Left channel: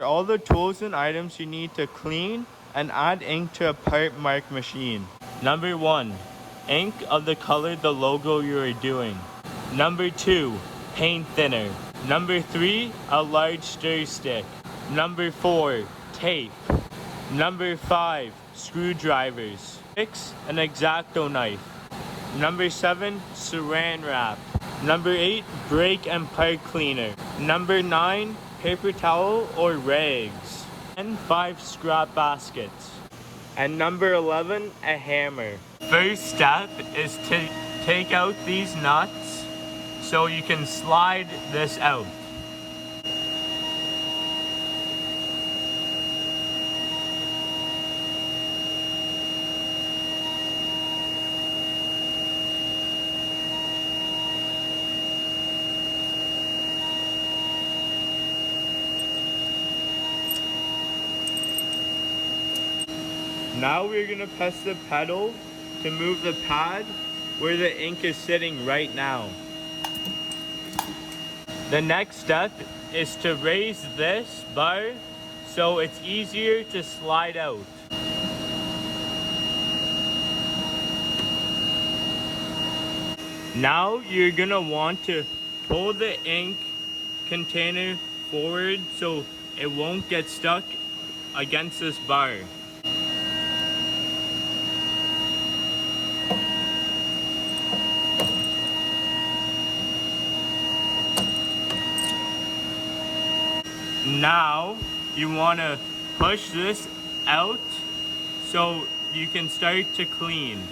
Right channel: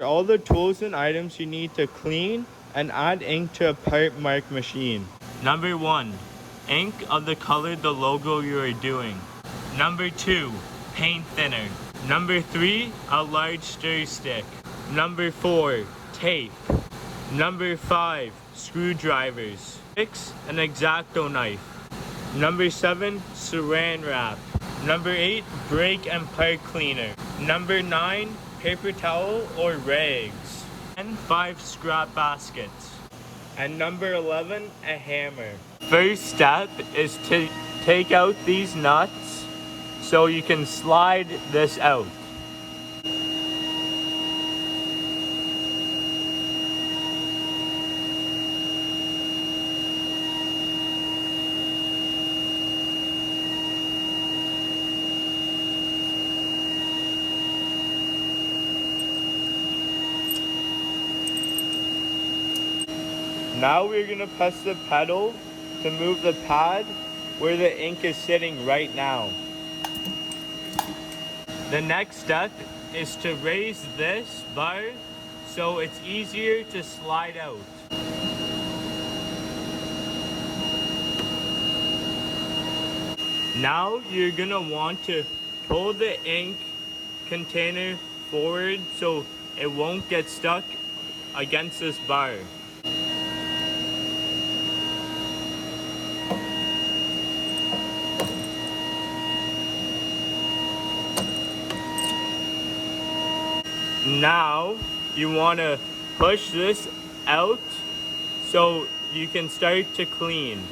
All the tools and items you need to clean and add ink to a part mark machine. Number 1. Ink of the color the logo you are doing. Number 2. Paint thinner. Number 3. A large stir stick. Number 4. Tape. Number 5. Screwdrivers. 6. An X-Acto knife. Number 7. Saran wrap. Number 8. Brake and part cleaner. Number 9. Paper towel or rags. And 5 scrap baskets. And number 11. A hammer. First step is to take out these nuts so you can slide this out. Now we're going to press the pedal to move the pad where the ink is sitting right now. The next step is to raise this bar so it's easier to slide out. Now you're going to want to pull the ink container forward so it won't get stuck against this bar. Now you want to push this out so you can start to clean.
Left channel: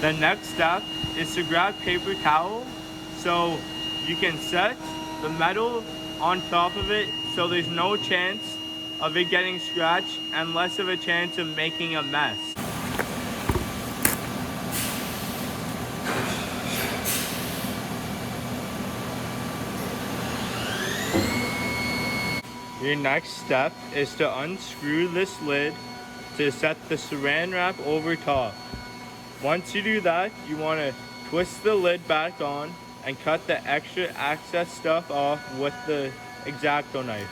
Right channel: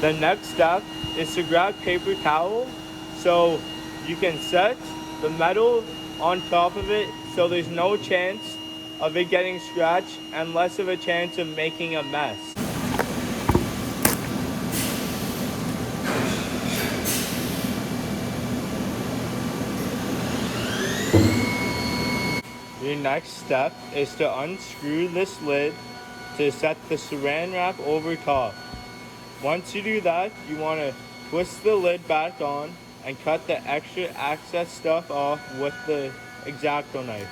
The next step is to grab paper towel so you can set the metal on top of it so there's no chance of it getting scratched and less of a chance of making a mess. Your next step is to unscrew this lid to set the saran wrap over top. Once you do that, you want to twist the lid back on and cut the extra excess stuff off with the X-Acto knife.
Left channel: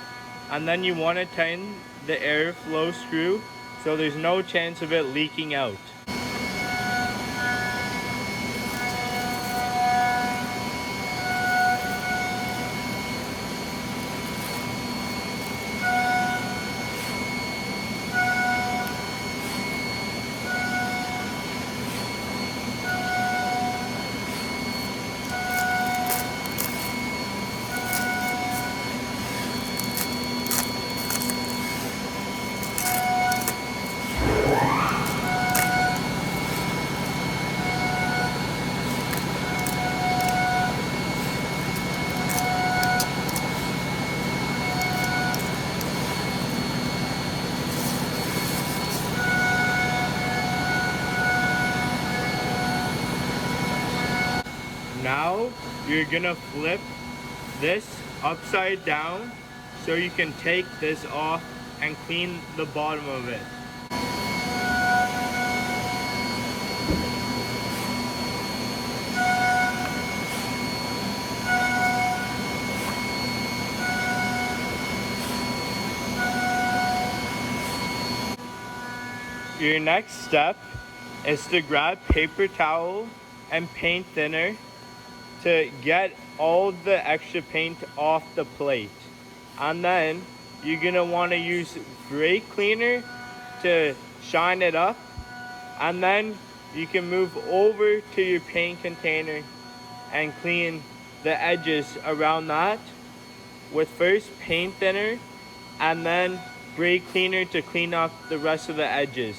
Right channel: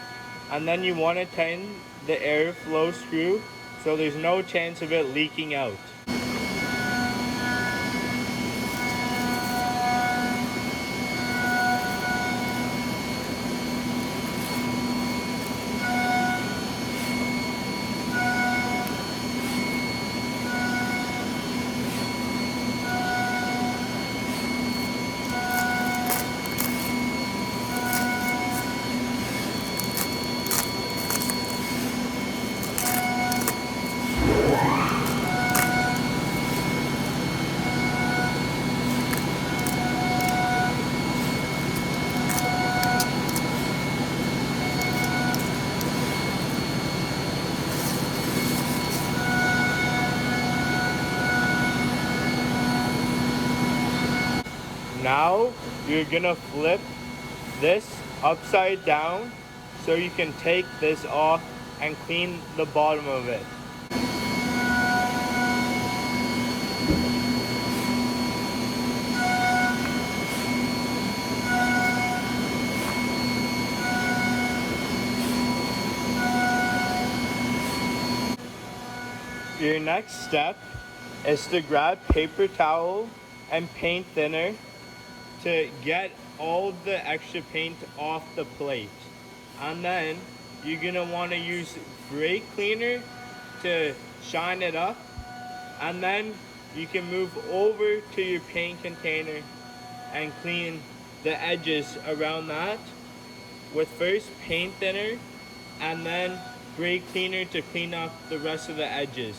And then you want to tighten the airflow screw so there's no chance of it leaking out. Now you're gonna flip this upside down so you can take this off and clean the bottom of it. Your next step is to grab paper towel and paint thinner to get all the extra paint off the plate. And then you're gonna wanna use brake cleaner to shine it up. And then you can move over to your paint container and clean the edges around that with first paint thinner and then brake cleaner to clean up the rest of the edges.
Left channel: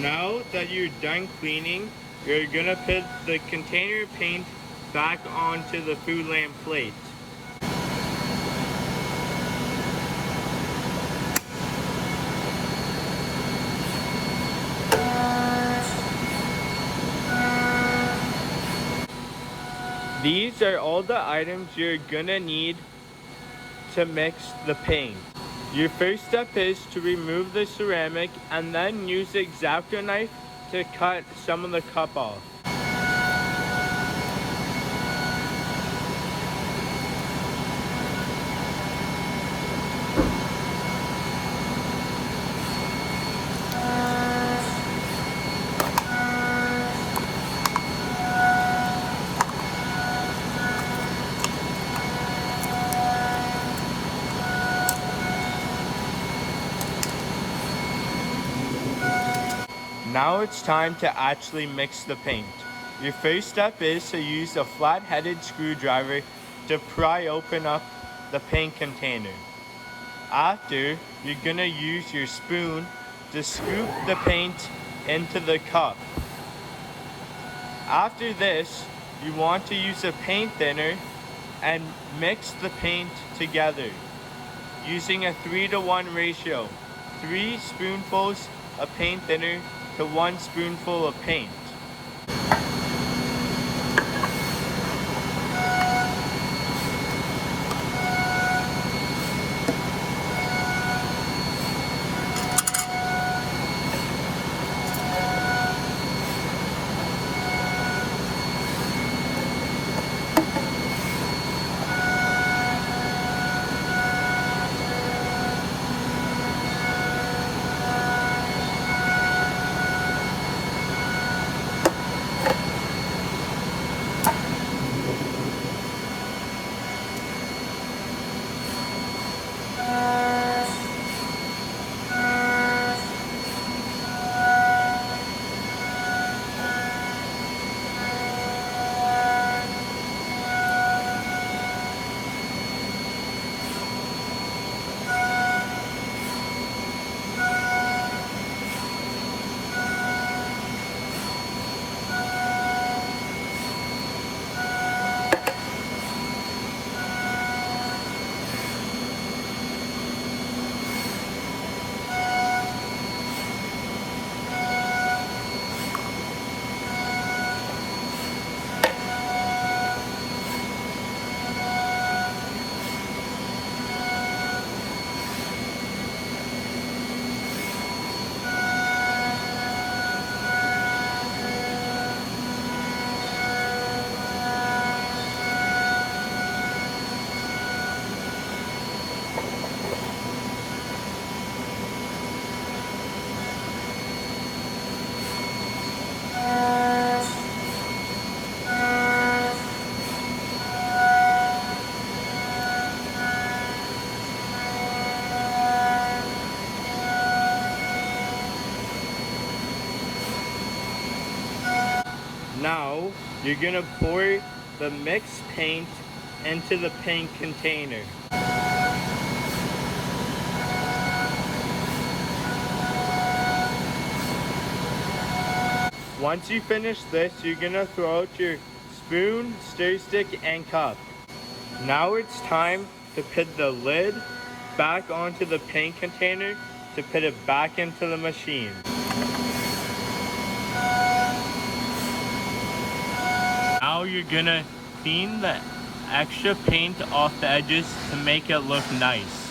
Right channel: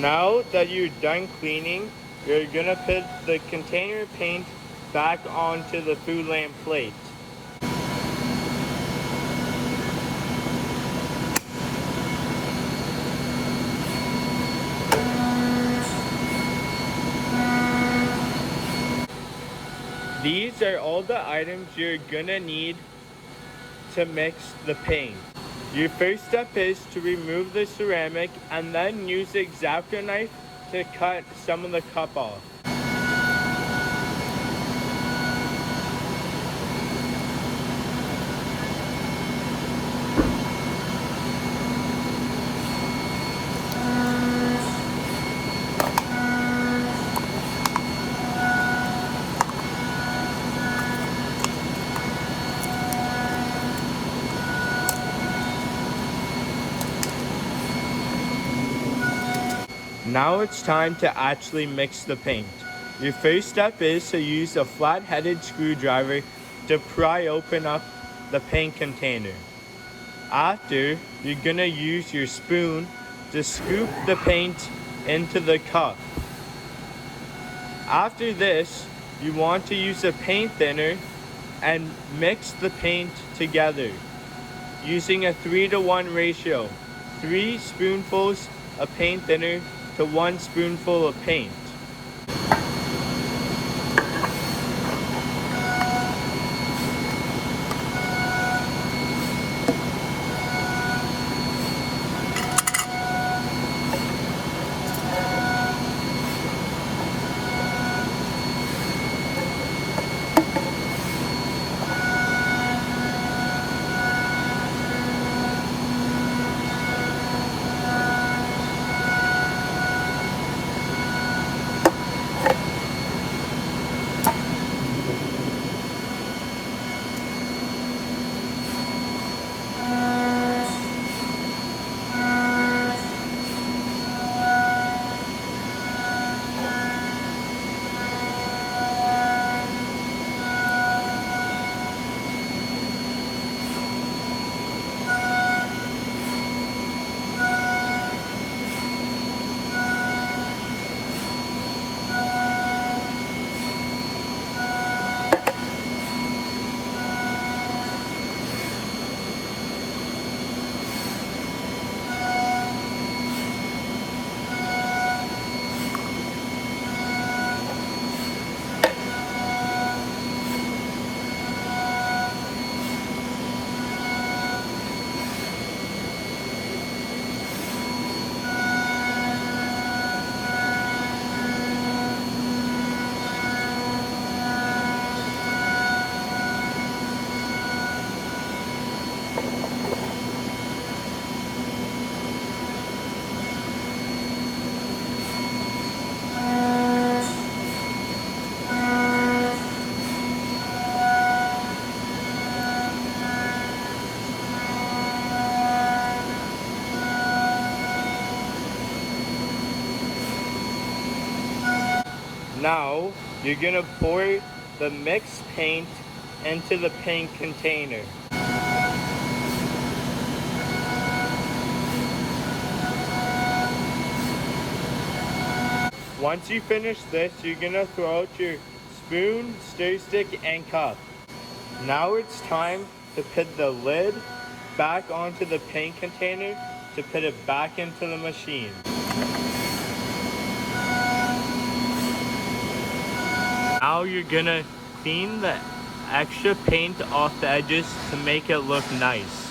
Now that you're done cleaning, you're gonna put the container paint back onto the food lamp plate. These are all the items you're gonna need to mix the paint. Your first step is to remove the ceramic and then use the X-Acto knife to cut some of the cup off. Now it's time to actually mix the paint. Your first step is to use a flat-headed screwdriver to pry open up the paint container. After, you're gonna use your spoon to scoop the paint into the cup. After this, you want to use a paint thinner and mix the paint together using a 3-to-1 ratio. 3 spoonfuls of paint thinner to 1 spoonful of paint. Now, you're gonna pour the mixed paint into the paint container. Once you finish this, you're gonna throw out your spoon, stir stick, and cup. Now it's time to put the lid back onto the paint container to put it back into the machine. Now you're gonna clean the extra paint off the edges to make it look nice.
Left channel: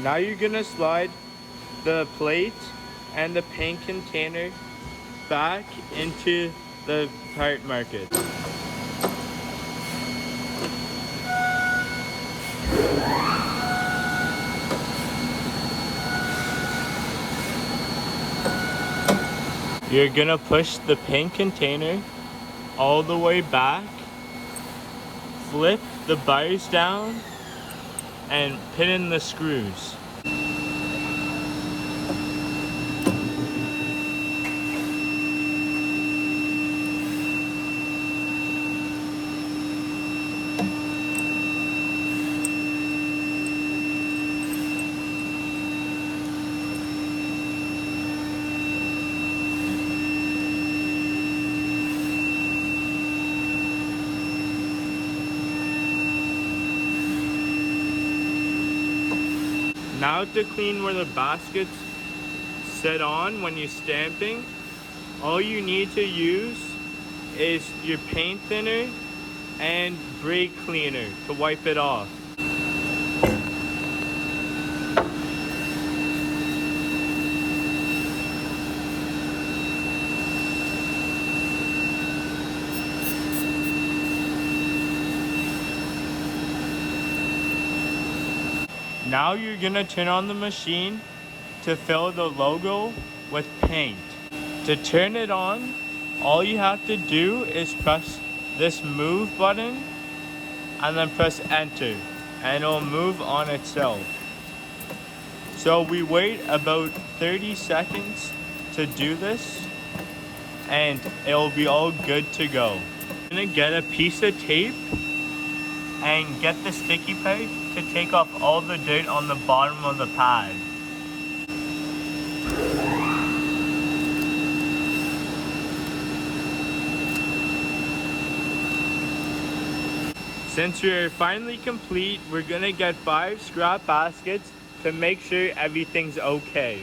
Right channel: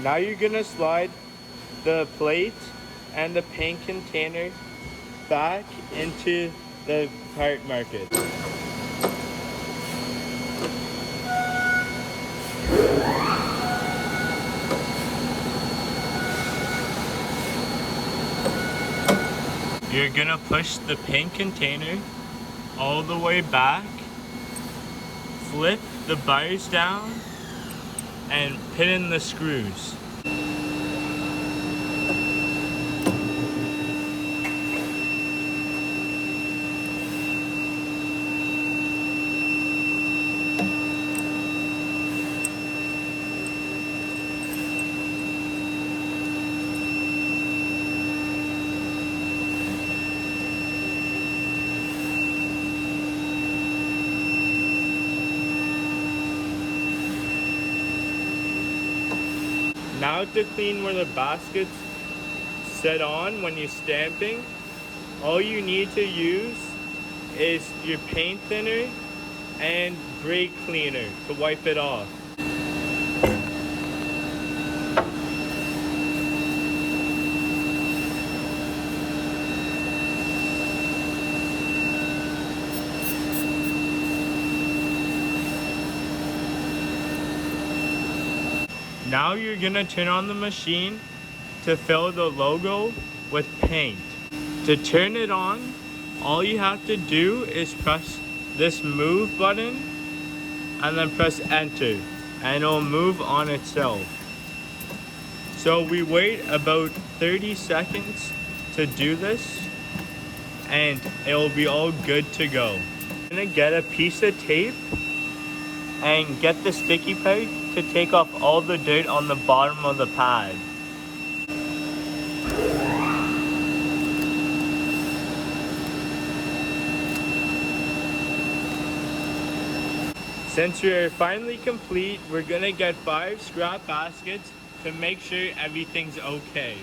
Now you're gonna slide the plate and the paint container back into the part market. You're gonna push the paint container all the way back, flip the bars down, and pin in the screws. Now to clean where the baskets sit on when you're stamping, all you need to use is your paint thinner and brake cleaner to wipe it off. Now you're gonna turn on the machine to fill the logo with paint. To turn it on, all you have to do is press this move button and then press enter and it'll move on itself. So we wait about 30 seconds to do this and it'll be all good to go. I'm gonna get a piece of tape and get the sticky part to take off all the dirt on the bottom of the pad. Since we're finally complete, we're gonna get 5 scrap baskets to make sure everything's okay.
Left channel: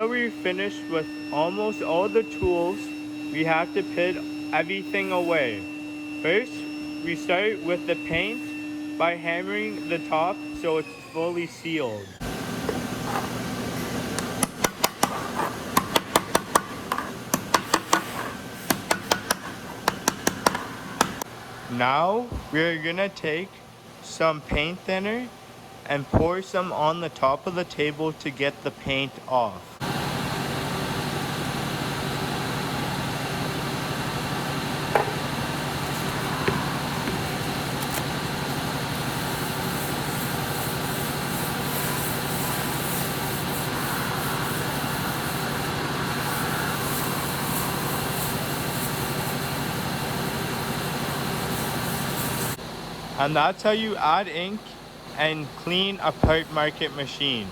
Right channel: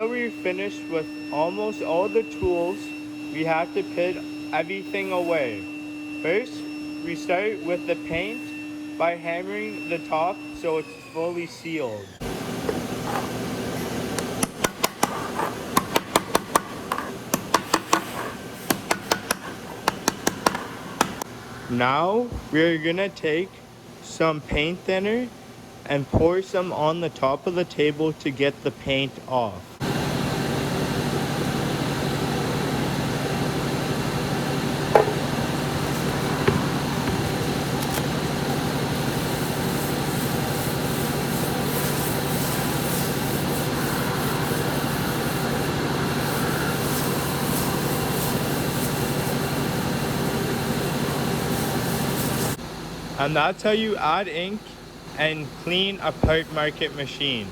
We're finished with almost all the tools. We have to put everything away. First, we start with the paint by hammering the top so it's fully sealed. Now we're gonna take some paint thinner and pour some on the top of the table to get the paint off. And that's how you add ink and clean a part market machine.